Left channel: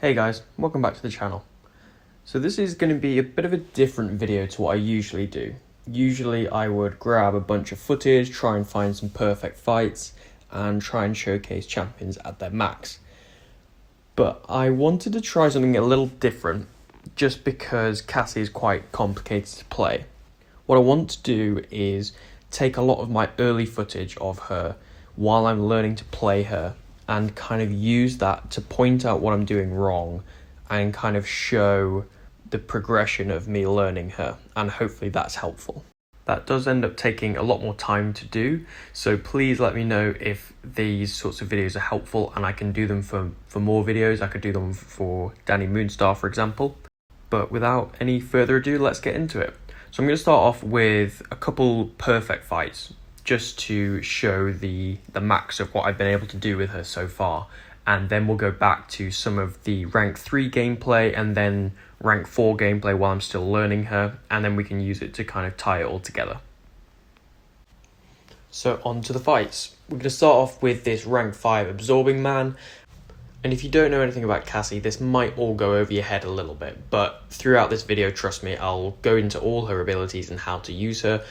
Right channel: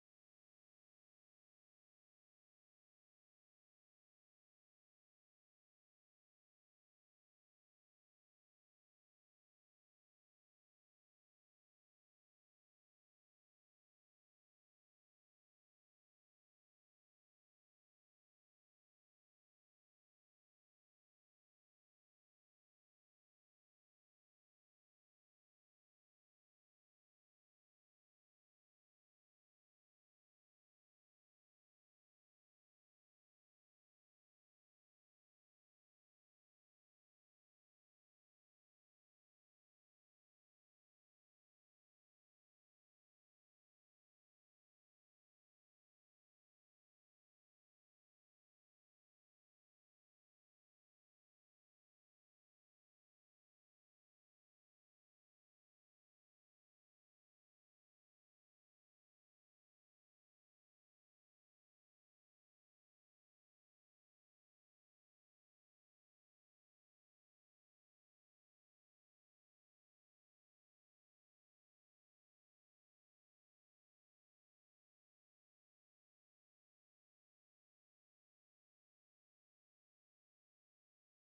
Hey guys, welcome back to the channel. So this is going to be a bit of a different video to what I usually do. Usually I would grab a bunch of footage, try and find some perfect fights, and try and showcase champions at their max. But I wanted to try something a little different, just because Cassie is quite complicated to play. What I want to do is take a lot of my early footage of her while I'm learning to play her, and kind of use that to point out what I'm doing wrong and kind of show the progression of me learning her, and hopefully that's helpful. That does end up taking a lot more time to do, so please let me know if these sorts of videos are helpful and I can do them for more videos. I could do them for Danny Moonstar, for example. But without any further ado, let's get into it. So I'm going to start off with a couple perfect fights, just to show the max of what I've been able to do with her so far, and then we'll go back to some of the rank 3 gameplay and then rank 4 gameplay while I'm still learning her, and then we can use it to kind of tie it all together. So on to the fights. We're going to start off with this rank 5 absorbing man, and if you don't know anything about Cassie, this might all go over your head a little bit, but throughout this video, trust me, I'll go into all her abilities and how to use her,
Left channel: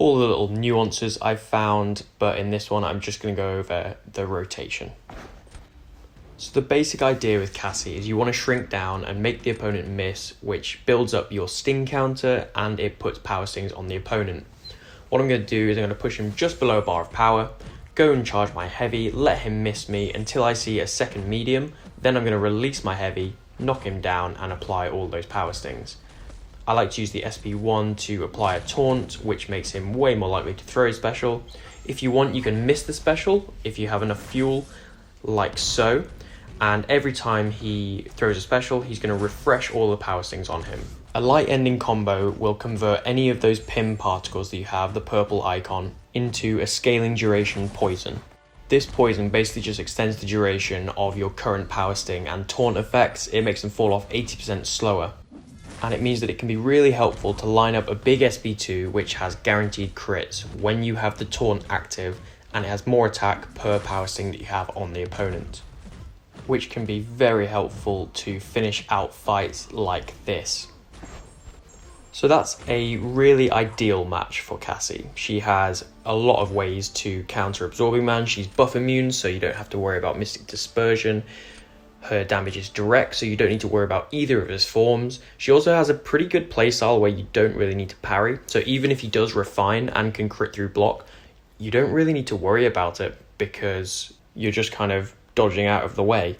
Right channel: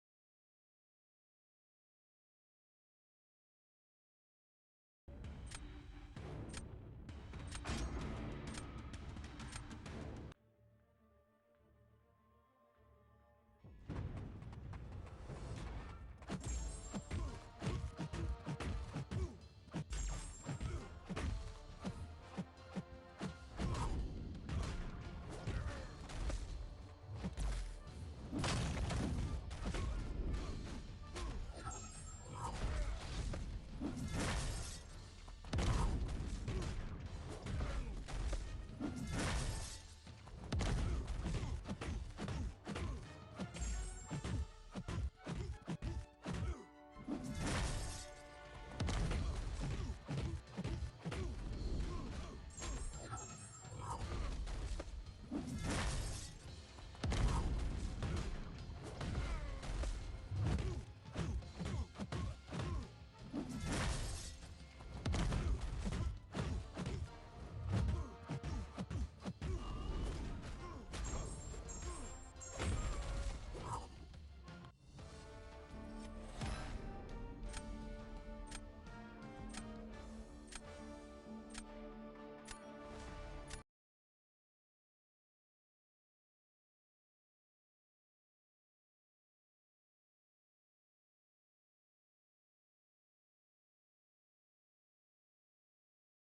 all the little nuances I've found, but in this one I'm just going to go over the rotation. So the basic idea with Cassie is you want to shrink down and make the opponent miss, which builds up your sting counter and it puts power stings on the opponent. What I'm going to do is I'm going to push him just below a bar of power, go and charge my heavy, let him miss me until I see a second medium, then I'm going to release my heavy, knock him down and apply all those power stings. I like to use the SP1 to apply a taunt, which makes him way more likely to throw a special. If you want, you can miss the special if you have enough fuel, like so. And every time he throws a special, he's going to refresh all the power stings on him. A light ending combo will convert any of those PIM particles that you have, the purple icon, into a scaling duration poison. This poison basically just extends the duration of your current power sting and taunt effects. It makes them fall off 80% slower. And it means that it can be really helpful to line up a big SP2 which has guaranteed crits when you have the taunt active, and it has more attack per power sting that you have on the opponent, which can be very helpful to finish out fights like this. So that's a really ideal match for Cassie. She has a lot of ways to counter Absorbing Man. She's buff immune, so you don't have to worry about Mystic Dispersion. Her damage is direct, so you don't need to worry about either of his forms. She also has a pretty good playstyle where you don't really need to parry, so even if he does refine and can crit through block, you don't really need to worry about it because you're just kind of dodging out of the way.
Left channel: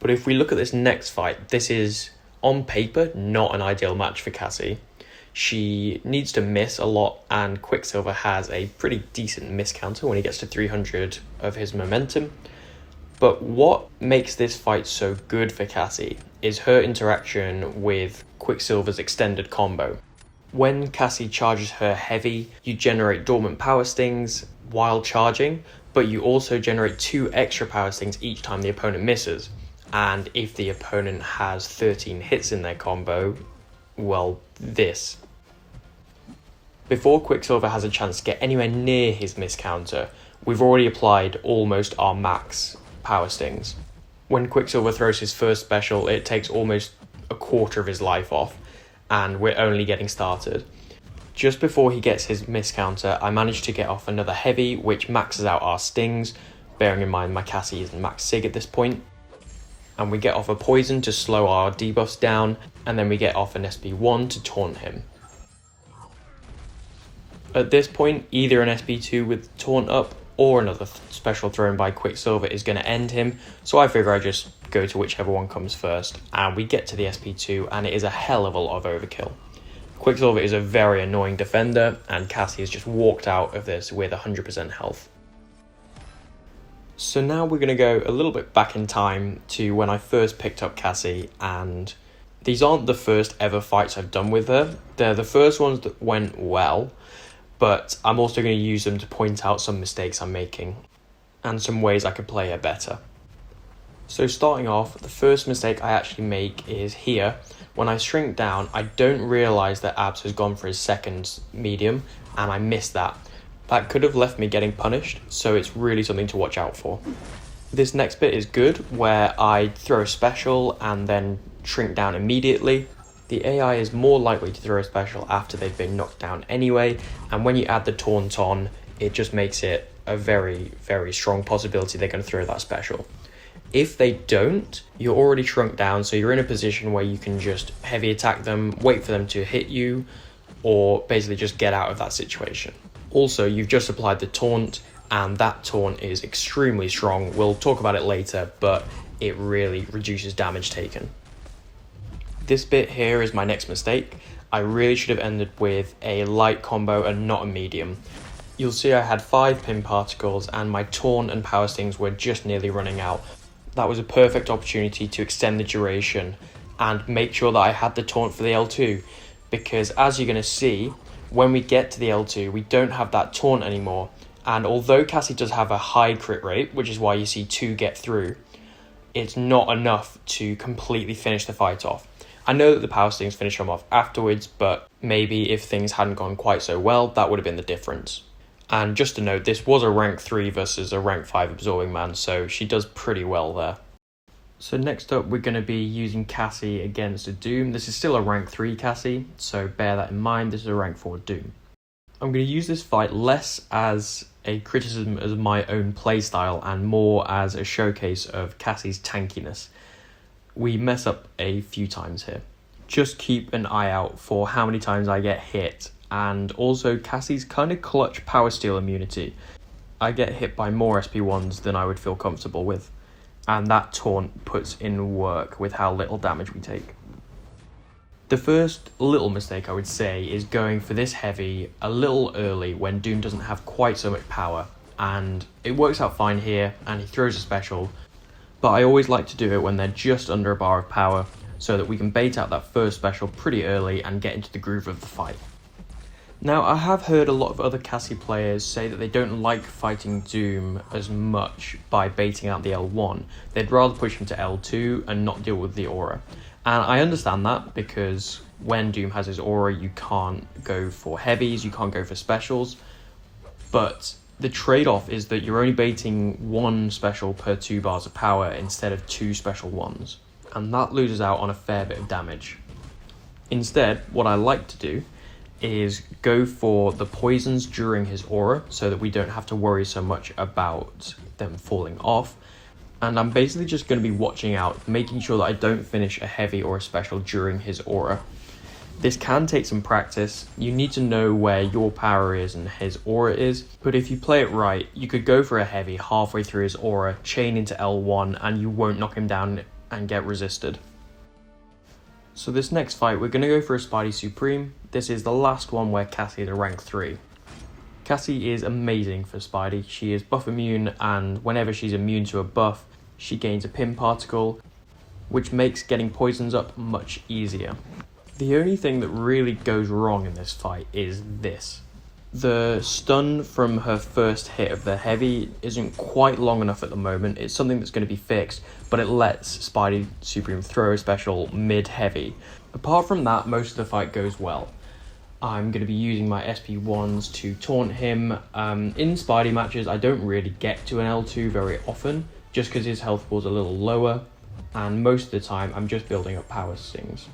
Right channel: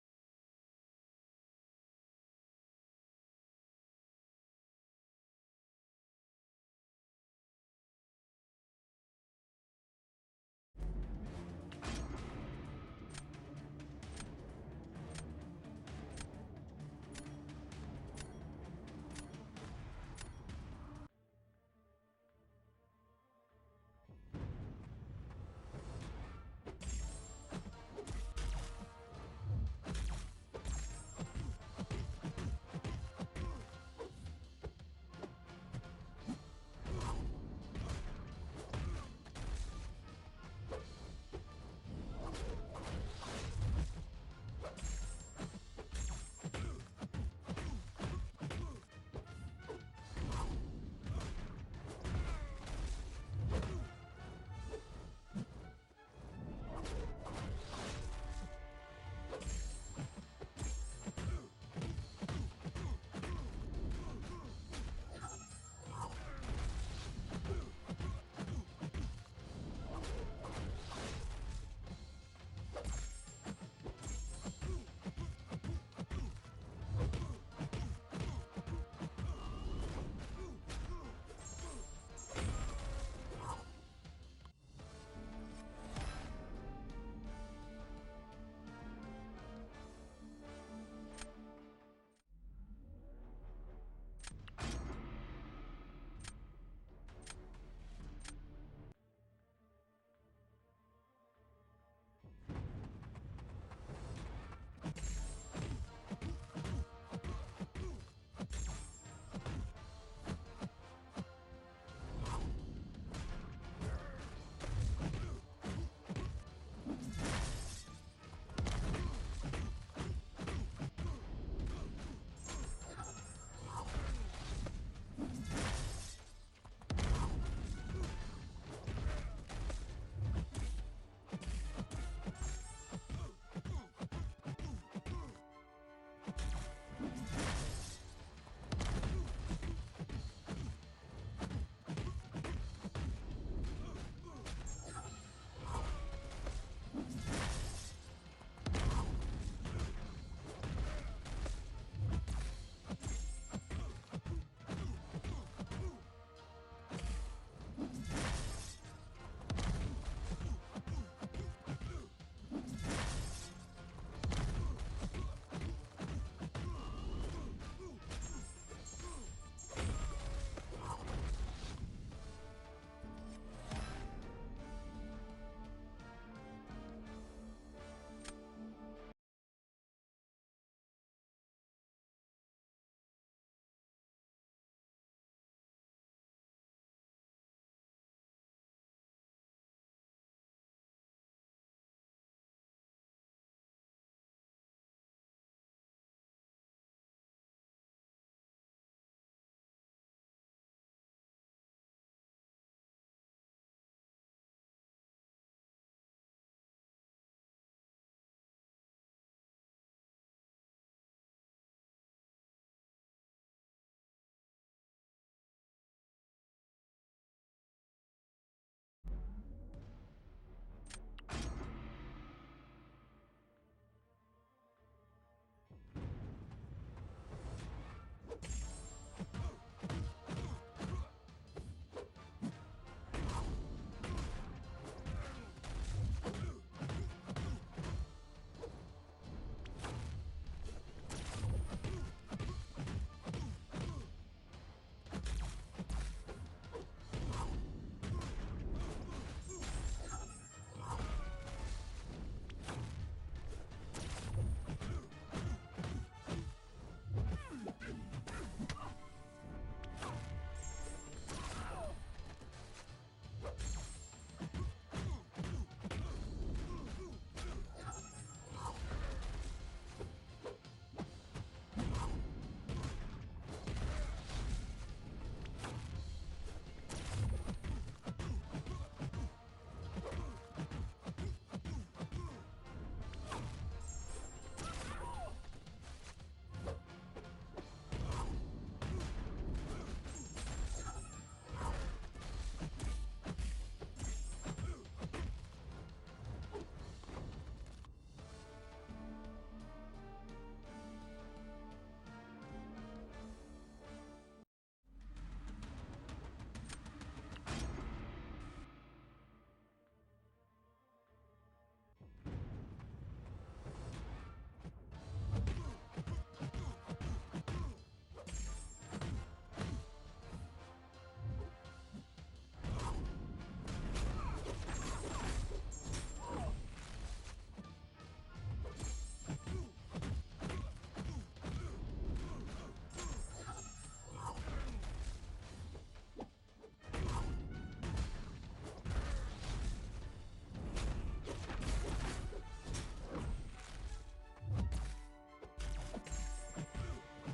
But if we look at this next fight, this is, on paper, not an ideal match for Cassie. She needs to miss a lot, and Quicksilver has a pretty decent miss counter when he gets to 300 of his momentum. But what makes this fight so good for Cassie is her interaction with Quicksilver's extended combo. When Cassie charges her heavy, you generate dormant power stings while charging, but you also generate 2 extra power stings each time the opponent misses. And if the opponent has 13 hits in their combo, well, this. Before Quicksilver has a chance to get anywhere near his miss counter, we've already applied almost our max power stings. When Quicksilver throws his first special, it takes almost a quarter of his life off, and we're only getting started. Just before he gets his miss counter, I managed to get off another heavy, which maxes out our stings, bearing in mind my Cassie isn't max sig at this point. And we get off a poison to slow our debuffs down, and then we get off an SP1 to taunt him. At this point, either an SP2 with taunt up or another special thrown by Quicksilver is going to end him, so I figure I just go to whichever one comes first, and we get to the SP2 and it is a hell of a lot of overkill. Quicksilver is a very annoying defender, and Cassie has just walked out of this with 100% health. So now we're going to go a little bit back in time to when I first picked up Cassie, and these aren't the first ever fights I've done with her. They're the first ones that went well, but I'm also going to use them to point out some mistakes I'm making and some ways I could play her better. So starting off, the first mistake I actually make is here. When I shrink down, I don't realise that Abs has gone for his second medium, and I missed that. That could have left me getting punished, so it's really something to watch out for. This next bit is good, where I throw a special and then shrink down immediately. The AI is more likely to throw a special after they've been knocked down anyway, and when you add the Taunt on, it just makes it a very, very strong possibility they're going to throw that special. If they don't, you're already shrunk down, so you're in a position where you can just heavy attack them, wait for them to hit you, or basically just get out of that situation. Also, you've just applied the Taunt, and that Taunt is extremely strong. We'll talk about it later, but it really reduces damage taken. This bit here is my next mistake. I really should have ended with a light combo and not a medium. You'll see I had 5 pin particles and my Taunt and power stings were just nearly running out. That was a perfect opportunity to extend the duration and make sure that I had the Taunt for the L2, because as you're going to see, when we get to the L2, we don't have that Taunt anymore. And although Cassie does have a high crit rate, which is why you see 2 get through, it's not enough to completely finish the fight off. I know that the power stings finish them off afterwards, but maybe if things hadn't gone quite so well, that would have been the difference. And just to note, this was a rank 3 versus a rank 5 absorbing man, so she does pretty well there. So next up, we're going to be using Cassie against a Doom. This is still a rank 3 Cassie, so bear that in mind. This is a rank 4 Doom. I'm going to use this fight less as a criticism of my own playstyle and more as a showcase of Cassie's tankiness. We mess up a few times here. Just keep an eye out for how many times I get hit, and also Cassie's kind of clutch power steal immunity. I get hit by more SP1s than I would feel comfortable with, and that Taunt puts in work with how little damage we take. The first little mistake I would say is going for this heavy a little early when Doom doesn't have quite so much power, and it works out fine here and he throws a special, but I always like to do it when they're just under a bar of power so that we can bait out that first special pretty early and get into the groove of the fight. Now, I have heard a lot of other Cassie players say that they don't like fighting Doom as much by baiting out the L1. They'd rather push him to L2 and not deal with the aura. And I understand that, because when Doom has his aura, you can't go for heavies, you can't go for specials. But the trade-off is that you're only baiting 1 special per 2 bars of power instead of 2 special ones. And that loses out on a fair bit of damage. Instead, what I like to do is go for the poisons during his aura so that we don't have to worry so much about them falling off. And I'm basically just going to be watching out, making sure that I don't finish a heavy or a special during his aura. This can take some practice. You need to know where your power is and his aura is, but if you play it right, you could go for a heavy halfway through his aura, chain into L1, and you won't knock him down and get resisted. So this next fight, we're going to go for a Spidey Supreme. This is the last one where Cassie is a rank 3. Cassie is amazing for Spidey. She is buff immune, and whenever she's immune to a buff, she gains a pin particle, which makes getting poisons up much easier. The only thing that really goes wrong in this fight is this. The stun from her first hit of the heavy isn't quite long enough at the moment. It's something that's going to be fixed, but it lets Spidey Supreme throw a special mid-heavy. Apart from that, most of the fight goes well. I'm going to be using my SP1s to taunt him. In Spidey matches, I don't really get to an L2 very often, just because his health pool's a little lower, and most of the time I'm just building up power stings.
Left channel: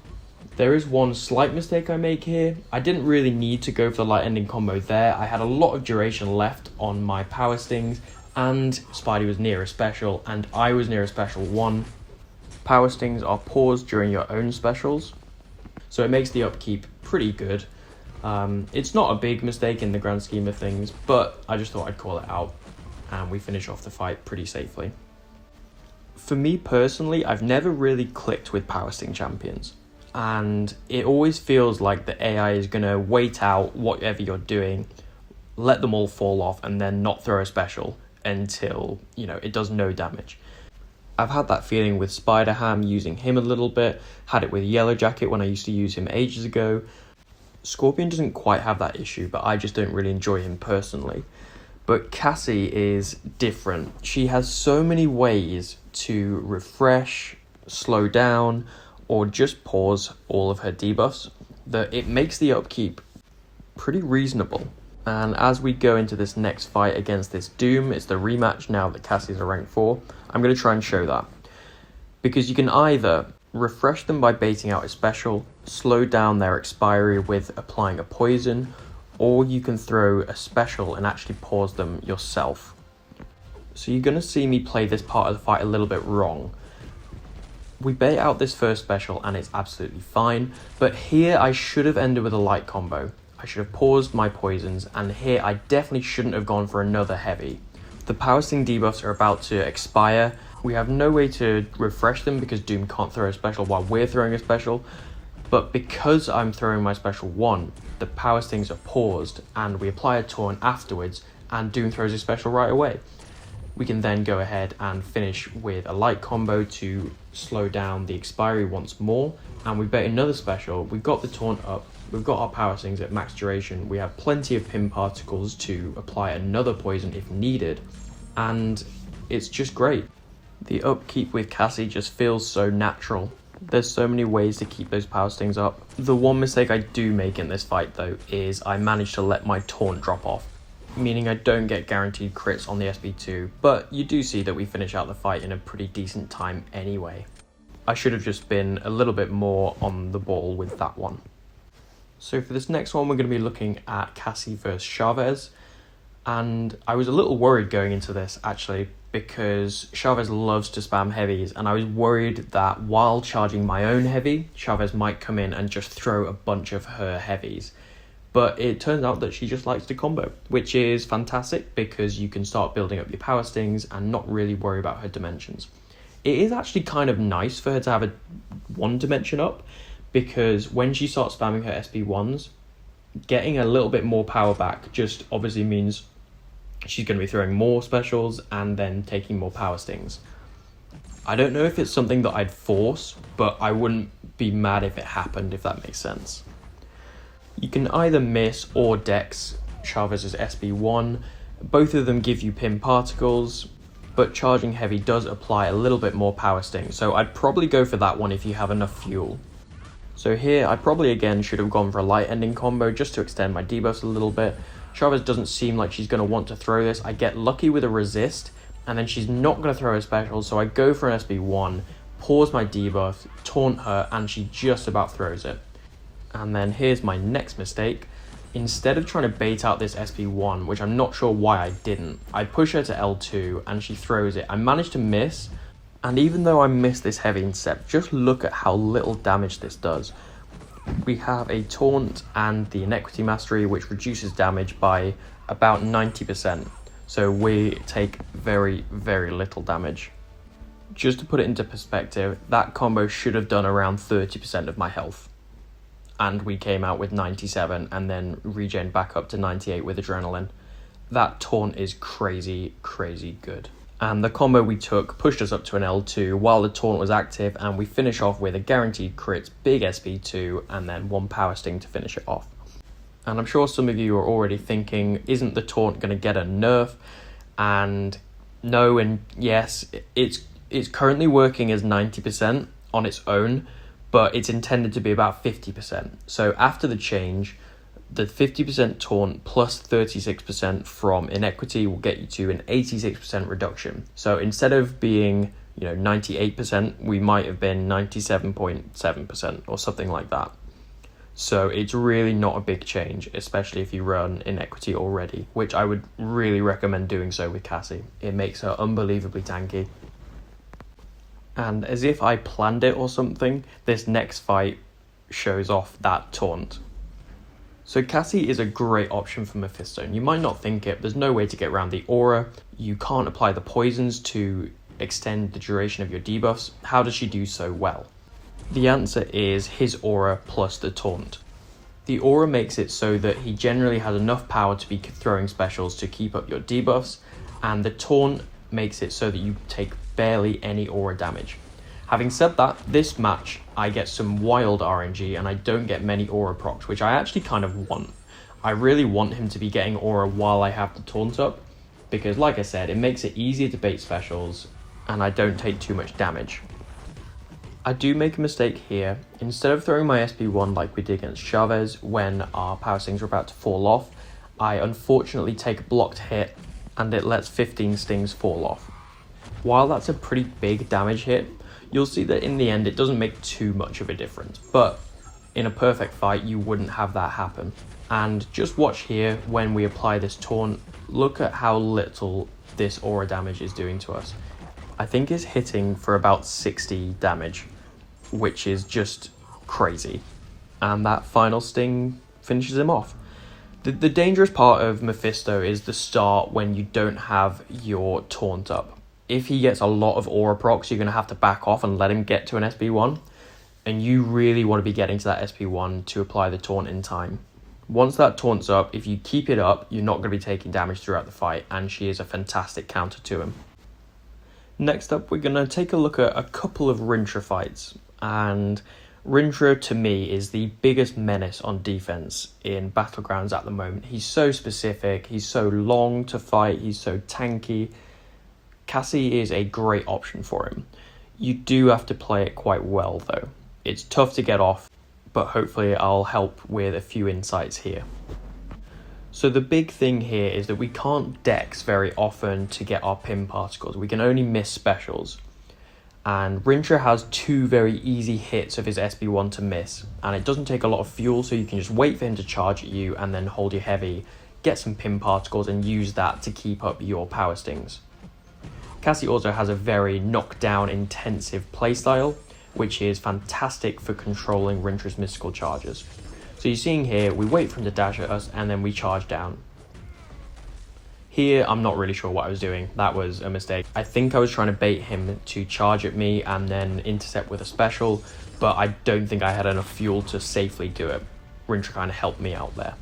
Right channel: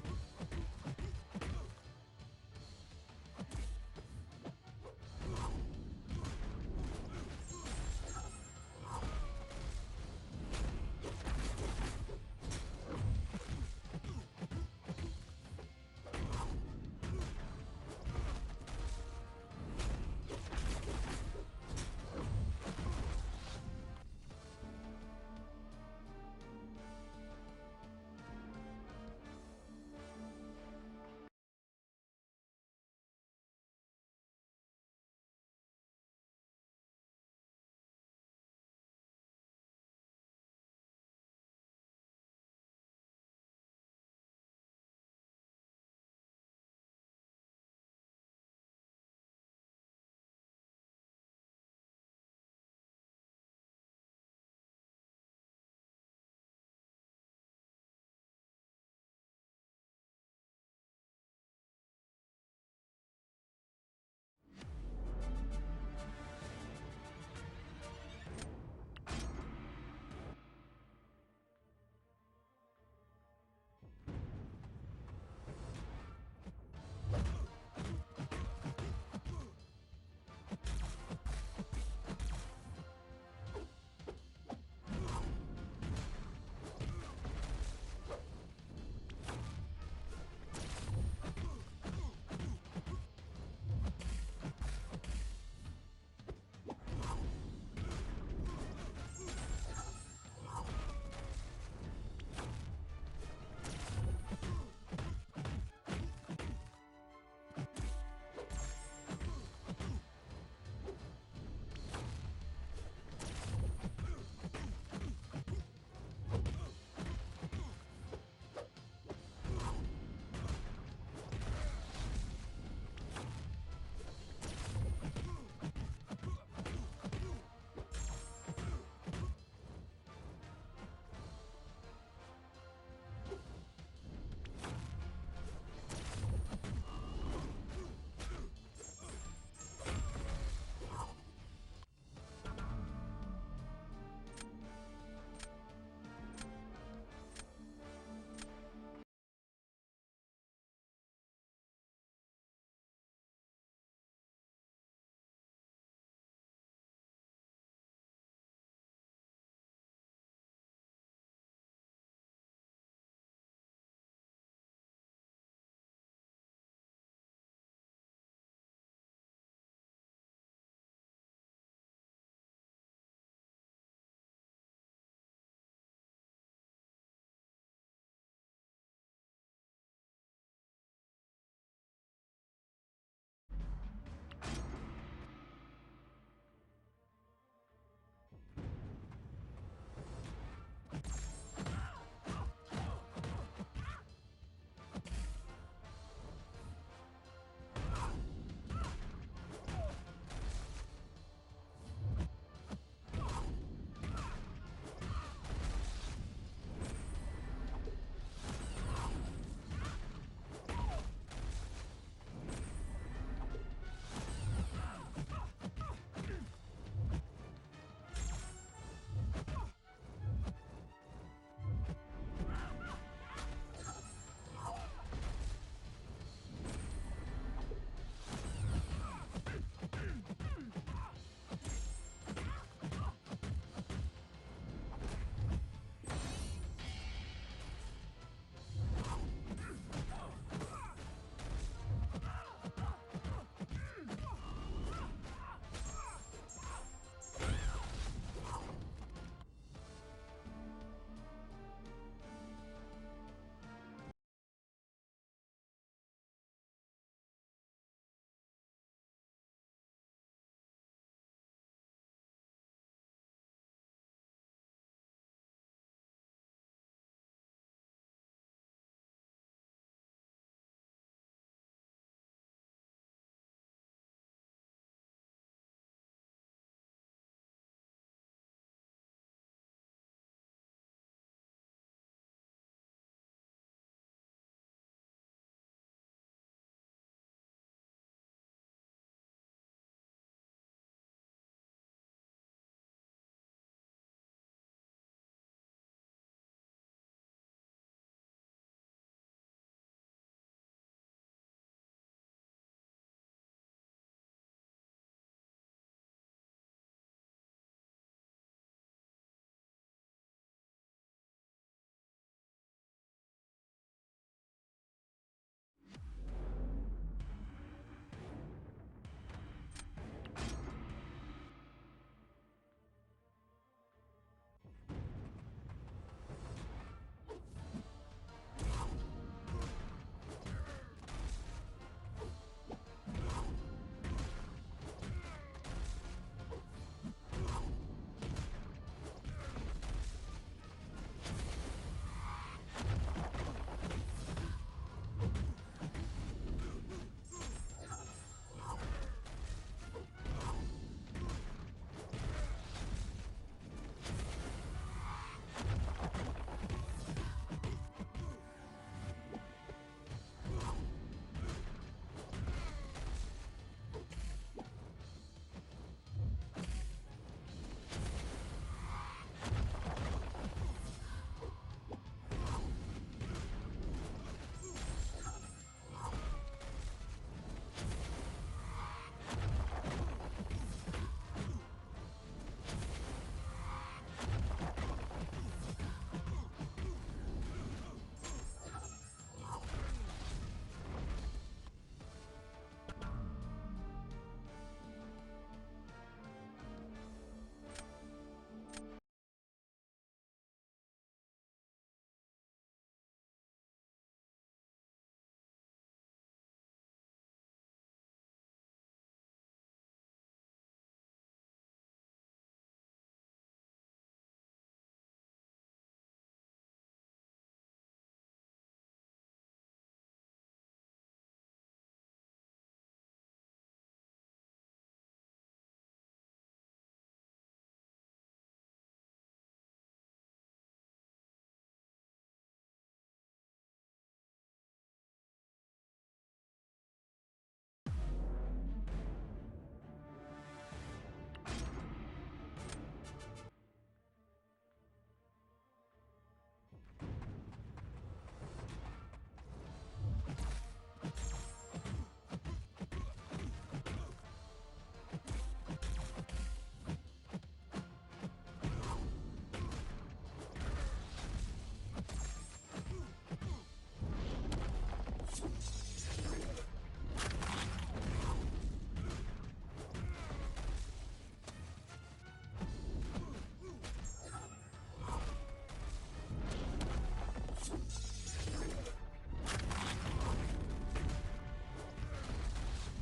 There is one slight mistake I make here. I didn't really need to go for the light ending combo there. I had a lot of duration left on my power stings, and Spidey was near a special, and I was near a special 1. Power stings are paused during your own specials, so it makes the upkeep pretty good. It's not a big mistake in the grand scheme of things, but I just thought I'd call it out, and we finish off the fight pretty safely. For me personally, I've never really clicked with power sting champions, and it always feels like the AI is going to wait out whatever you're doing, let them all fall off, and then not throw a special until, it does no damage. I've had that feeling with Spider-Ham, using him a little bit, had it with Yellow Jacket when I used to use him ages ago. Scorpion doesn't quite have that issue, but I just don't really enjoy him personally. But Cassie is different. She has so many ways to refresh, slow down, or just pause all of her debuffs that it makes the upkeep pretty reasonable. And as we go into this next fight against this Doom, it's the rematch now that Cassie's a rank 4, I'm going to try and show that. Because you can either refresh them by baiting out a special, slow down their expiry with applying a poison, or you can throw a special and actually pause them yourself. So you're going to see me play this part of the fight a little bit wrong. We bait out this first special and it's absolutely fine, but here I should have ended with a light combo. I should have paused my poisons, and here I definitely shouldn't have gone for another heavy. The Power Sting debuffs are about to expire. We have no way to refresh them because Doom can't throw a special while we're throwing a special, but because I'm throwing my special 1, the Power Stings are paused and we apply a Taunt afterwards and Doom throws a special right away. We can then go ahead and finish with a light combo to slow down the expiry once more, and we bait another special. We've got the Taunt up, we've got our Power Stings at max duration, we have plenty of pin particles to apply another poison if needed, and it's just great. The upkeep with Cassie just feels so natural. There's so many ways to keep those Power Stings up. The one mistake I do make in this fight though is I manage to let my Taunt drop off, meaning I don't get guaranteed crits on the SB2, but you do see that we finish out the fight in a pretty decent time anyway. I should have just been a little bit more on the ball with that one. So for this next one, we're going to be looking at Cassie versus Chavez, and I was a little worried going into this actually, because Chavez loves to spam heavies, and I was worried that while charging my own heavy, Chavez might come in and just throw a bunch of her heavies. But it turns out that she just likes to combo, which is fantastic because you can start building up your Power Stings and not really worry about her dimensions. It is actually kind of nice for her to have a 1 dimension up, because when she starts spamming her SB1s, getting a little bit more power back just obviously means she's going to be throwing more specials and then taking more Power Stings. I don't know if it's something that I'd force, but I wouldn't be mad if it happened, if that makes sense. You can either miss or dex Chavez's SB1. Both of them give you pin particles, but charging heavy does apply a little bit more Power Sting, so I'd probably go for that one if you have enough fuel. So here I probably again should have gone for a light ending combo just to extend my debuffs a little bit. Chavez doesn't seem like she's going to want to throw this. I get lucky with a resist, and then she's not going to throw a special, so I go for an SB1, pause my debuff, taunt her, and she just about throws it. And then here's my next mistake. Instead of trying to bait out this SB1, which I'm not sure why I didn't, I push her to L2 and she throws it. I managed to miss, and even though I missed this heavy incept, just look at how little damage this does. We have a Taunt and the Inequity Mastery, which reduces damage by about 90%. So we take very, very little damage. Just to put it into perspective, that combo should have done around 30% of my health. And we came out with 97 and then regened back up to 98 with adrenaline. That Taunt is crazy, crazy good. And the combo we took pushed us up to an L2 while the Taunt was active, and we finish off with a guaranteed crit, big SB2, and then 1 Power Sting to finish it off. And I'm sure some of you are already thinking, isn't the Taunt going to get a nerf? And no and yes, it's currently working as 90% on its own, but it's intended to be about 50%. So after the change, the 50% Taunt plus 36% from Inequity will get you to an 86% reduction. So instead of being, 98%, we might have been 97.7% or something like that. So it's really not a big change, especially if you run Inequity already, which I would really recommend doing so with Cassie. It makes her unbelievably tanky. And as if I planned it or something, this next fight shows off that Taunt. So Cassie is a great option for Mephisto. You might not think it, there's no way to get around the aura. You can't apply the poisons to extend the duration of your debuffs. How does she do so well? The answer is his aura plus the Taunt. The aura makes it so that he generally has enough power to be throwing specials to keep up your debuffs, and the Taunt makes it so that you take barely any aura damage. Having said that, this match I get some wild RNG and I don't get many aura procs, which I actually kind of want. I really want him to be getting aura while I have the Taunt up, because like I said, it makes it easier to bait specials and I don't take too much damage. I do make a mistake here. Instead of throwing my SB1 like we did against Chavez when our Power Stings were about to fall off, I unfortunately take a blocked hit and it lets 15 stings fall off. While that's a pretty big damage hit, you'll see that in the end it doesn't make too much of a difference, but in a perfect fight you wouldn't have that happen. And just watch here when we apply this taunt, look at how little this aura damage is doing to us. I think it's hitting for about 60 damage, which is just crazy. And that final sting finishes him off. The dangerous part of Mephisto is the start when you don't have your taunt up. If he gets a lot of aura procs, you're going to have to back off and let him get to an SP1. And you really want to be getting to that SP1 to apply the taunt in time. Once that taunt's up, if you keep it up, you're not going to be taking damage throughout the fight, and she is a fantastic counter to him. Next up, we're going to take a look at a couple of Rintra fights, and Rintra to me is the biggest menace on defense in BattleGrounds at the moment. He's so specific, he's so long to fight, he's so tanky. Cassie is a great option for him. You do have to play it quite well though. It's tough to get off, but hopefully I'll help with a few insights here. So the big thing here is that we can't dex very often to get our pin particles. We can only miss specials. And Rintra has two very easy hits of his SB1 to miss, and it doesn't take a lot of fuel, so you can just wait for him to charge at you and then hold your heavy, get some pin particles and use that to keep up your power stings. Cassie also has a very knockdown intensive playstyle, which is fantastic for controlling Rintra's mystical charges. So you're seeing here, we wait for him to dash at us and then we charge down. Here, I'm not really sure what I was doing. That was a mistake. I think I was trying to bait him to charge at me and then intercept with a special, but I don't think I had enough fuel to safely do it. Rintra kind of helped me out there.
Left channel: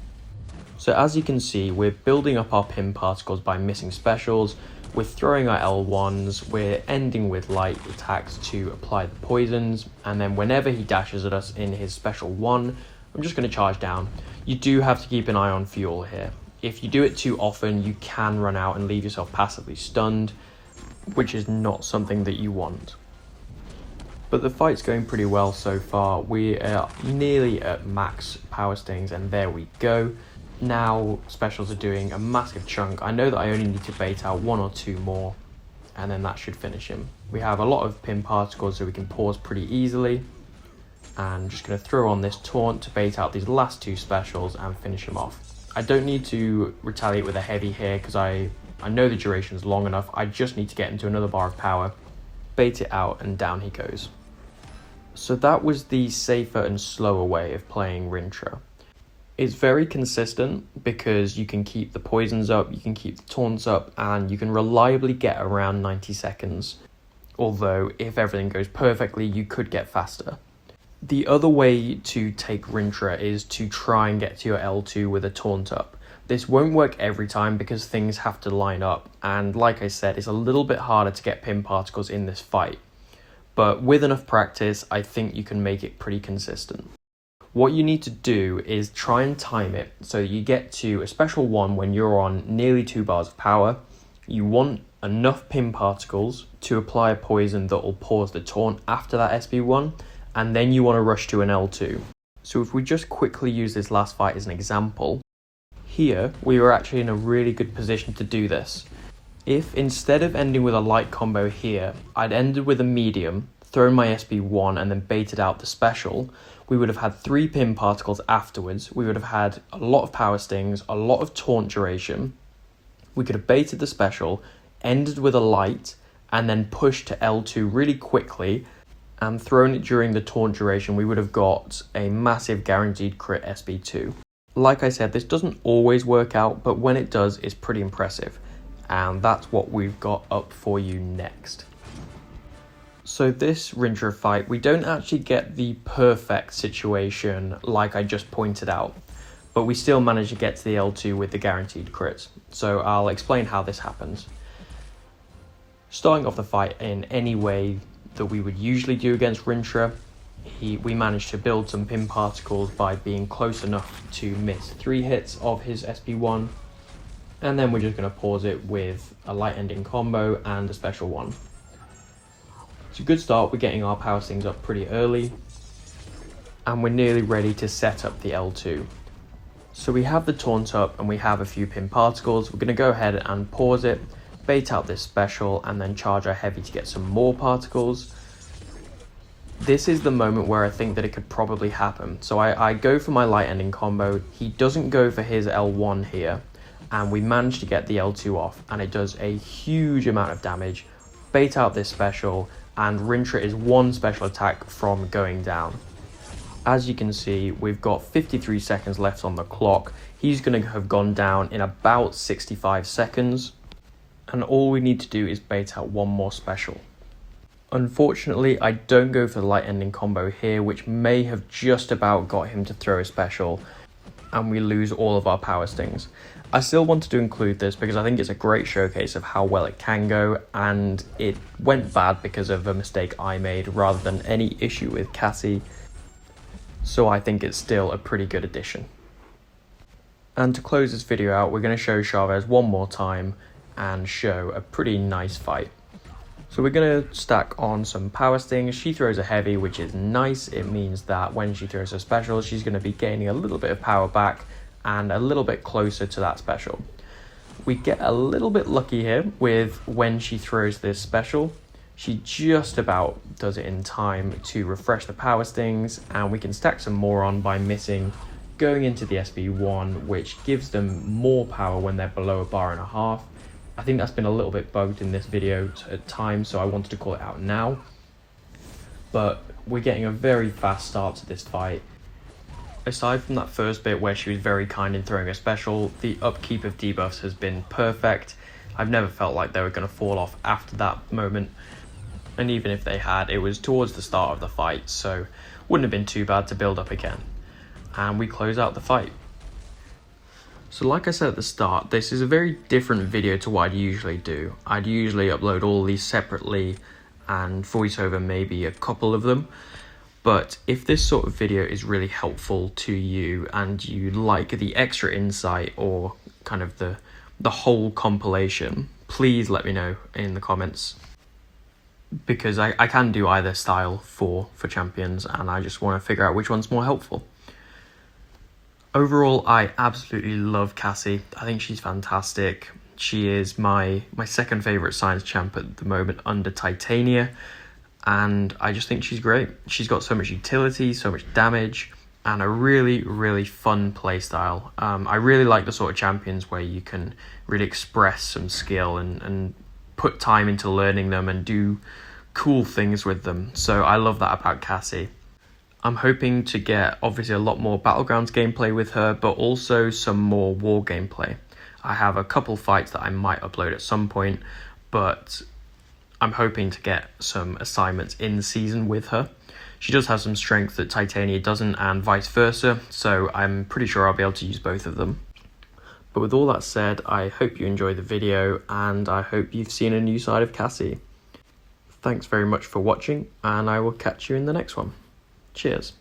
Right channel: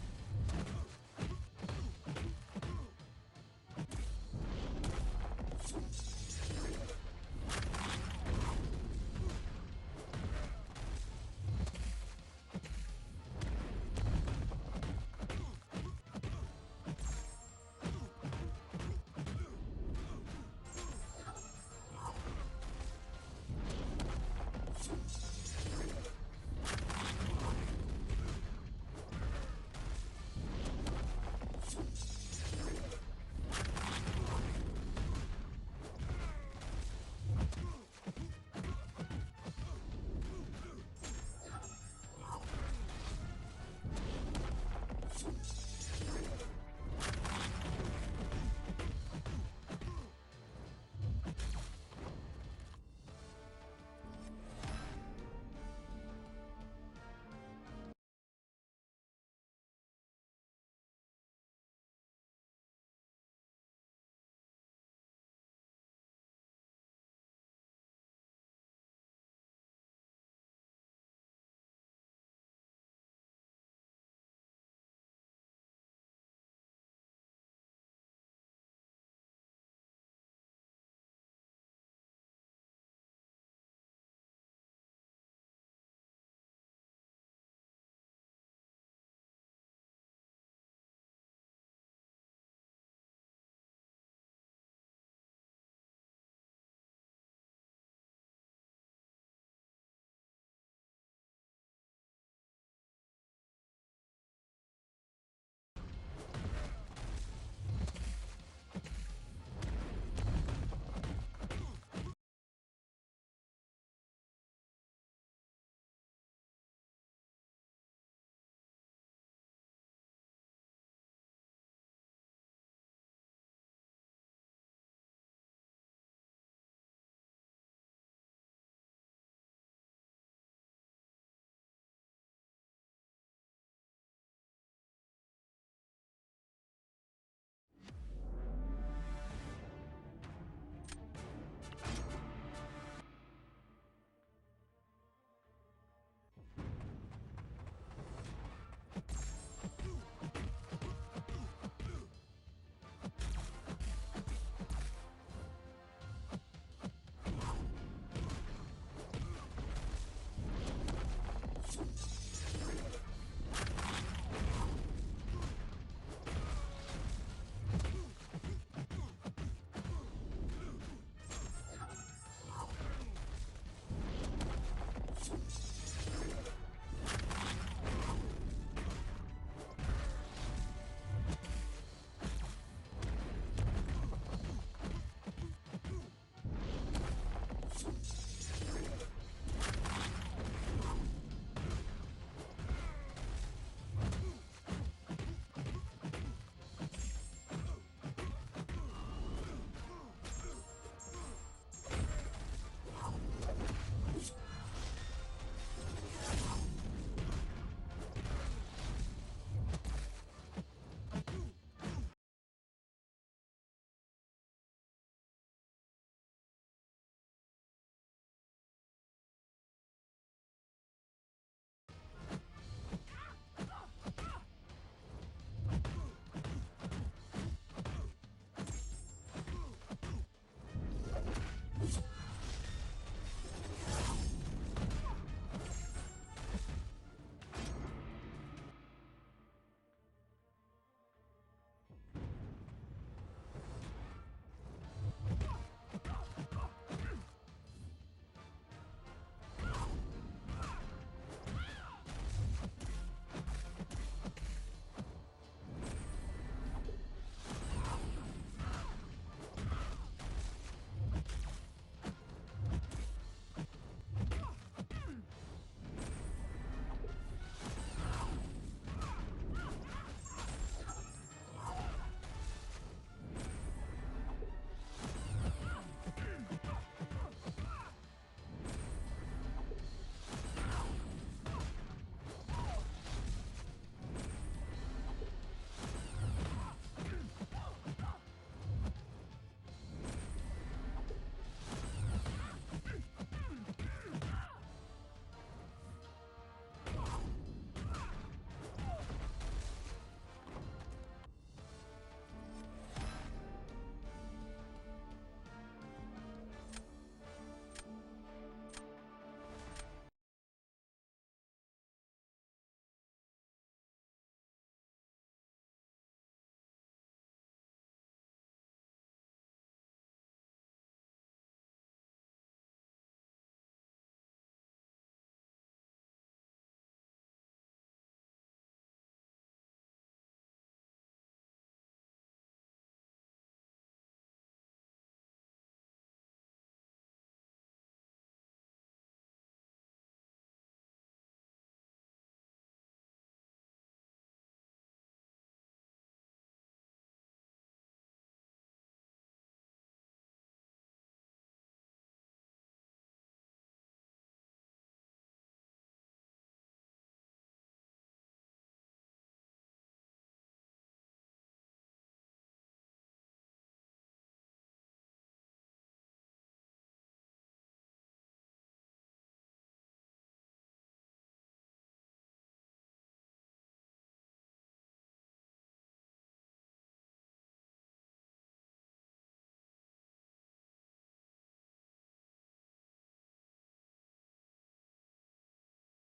So as you can see, we're building up our pin particles by missing specials, we're throwing our L1s, we're ending with light attacks to apply the poisons, and then whenever he dashes at us in his special one, I'm just going to charge down. You do have to keep an eye on fuel here. If you do it too often, you can run out and leave yourself passively stunned, which is not something that you want. But the fight's going pretty well so far. We are nearly at max power stings, and there we go. Now specials are doing a massive chunk. I know that I only need to bait out one or two more, and then that should finish him. We have a lot of pin particles, so we can pause pretty easily. And I'm just going to throw on this taunt to bait out these last two specials and finish him off. I don't need to retaliate with a heavy here because I know the duration is long enough. I just need to get into another bar of power, bait it out, and down he goes. So that was the safer and slower way of playing Rintra. It's very consistent because you can keep the poisons up, you can keep the taunts up, and you can reliably get around 90 seconds. Although, if everything goes perfectly, you could get faster. The other way to take Rintra is to try and get to your L2 with a taunt up. This won't work every time because things have to line up, and like I said, it's a little bit harder to get pin particles in this fight. But with enough practice, I think you can make it pretty consistent. What you need to do is try and time it so you get to a special one when you're on nearly 2 bars of power. You want enough pin particles to apply a poison that will pause the taunt after that SB1, and then you want to rush to an L2. So if we just quickly use this last fight as an example, here we were actually in a really good position to do this. If instead of ending with a light combo here, I'd ended with a medium, thrown my SB1 and then baited out the special, we would have had 3 pin particles afterwards, we would have had a lot of power stings, a lot of taunt duration, we could have baited the special, ended with a light, and then pushed to L2 really quickly, and thrown it during the taunt duration, we would have got a massive guaranteed crit SB2. Like I said, this doesn't always work out, but when it does, it's pretty impressive. And that's what we've got up for you next. So this Rintra fight, we don't actually get the perfect situation like I just pointed out, but we still manage to get to the L2 with the guaranteed crits. So I'll explain how this happens. Starting off the fight in any way that we would usually do against Rintra, we managed to build some pin particles by being close enough to miss 3 hits of his SB1, and then we're just going to pause it with a light ending combo and a special one. It's a good start, we're getting our power stings up pretty early, and we're nearly ready to set up the L2. So we have the Taunt up and we have a few pin particles. We're going to go ahead and pause it, bait out this special, and then charge our heavy to get some more particles. This is the moment where I think that it could probably happen. So I go for my light ending combo. He doesn't go for his L1 here, and we manage to get the L2 off, and it does a huge amount of damage. Bait out this special, and Rintra is one special attack from going down. As you can see, we've got 53 seconds left on the clock. He's going to have gone down in about 65 seconds. And all we need to do is bait out one more special. Unfortunately, I don't go for the light ending combo here, which may have just about got him to throw a special, and we lose all of our power stings. I still wanted to include this because I think it's a great showcase of how well it can go, and it went bad because of a mistake I made rather than any issue with Cassie. So I think it's still a pretty good addition. And to close this video out, we're going to show Chavez one more time and show a pretty nice fight. So we're going to stack on some power stings. She throws a heavy, which is nice. It means that when she throws a special, she's going to be gaining a little bit of power back and a little bit closer to that special. We get a little bit lucky here with when she throws this special. She just about does it in time to refresh the power stings, and we can stack some more on by missing, going into the SB1, which gives them more power when they're below a bar and a half. I think that's been a little bit bugged in this video at times, so I wanted to call it out now. But we're getting a very fast start to this fight. Aside from that first bit where she was very kind in throwing a special, the upkeep of debuffs has been perfect. I've never felt like they were going to fall off after that moment. And even if they had, it was towards the start of the fight, so wouldn't have been too bad to build up again. And we close out the fight. So like I said at the start, this is a very different video to what I'd usually do. I'd usually upload all these separately and voice over maybe a couple of them. But if this sort of video is really helpful to you and you like the extra insight or kind of the whole compilation, please let me know in the comments. Because I can do either style for champions, and I just want to figure out which one's more helpful. Overall, I absolutely love Cassie. I think she's fantastic. She is my second favourite science champ at the moment under Titania, and I just think she's great. She's got so much utility, so much damage, and a really, really fun playstyle. I really like the sort of champions where you can really express some skill and put time into learning them and do cool things with them. So I love that about Cassie. I'm hoping to get obviously a lot more BattleGrounds gameplay with her, but also some more war gameplay. I have a couple fights that I might upload at some point, but I'm hoping to get some assignments in season with her. She does have some strength that Titania doesn't, and vice versa, so I'm pretty sure I'll be able to use both of them. But with all that said, I hope you enjoyed the video, and I hope you've seen a new side of Cassie. Thanks very much for watching, and I will catch you in the next one. Cheers.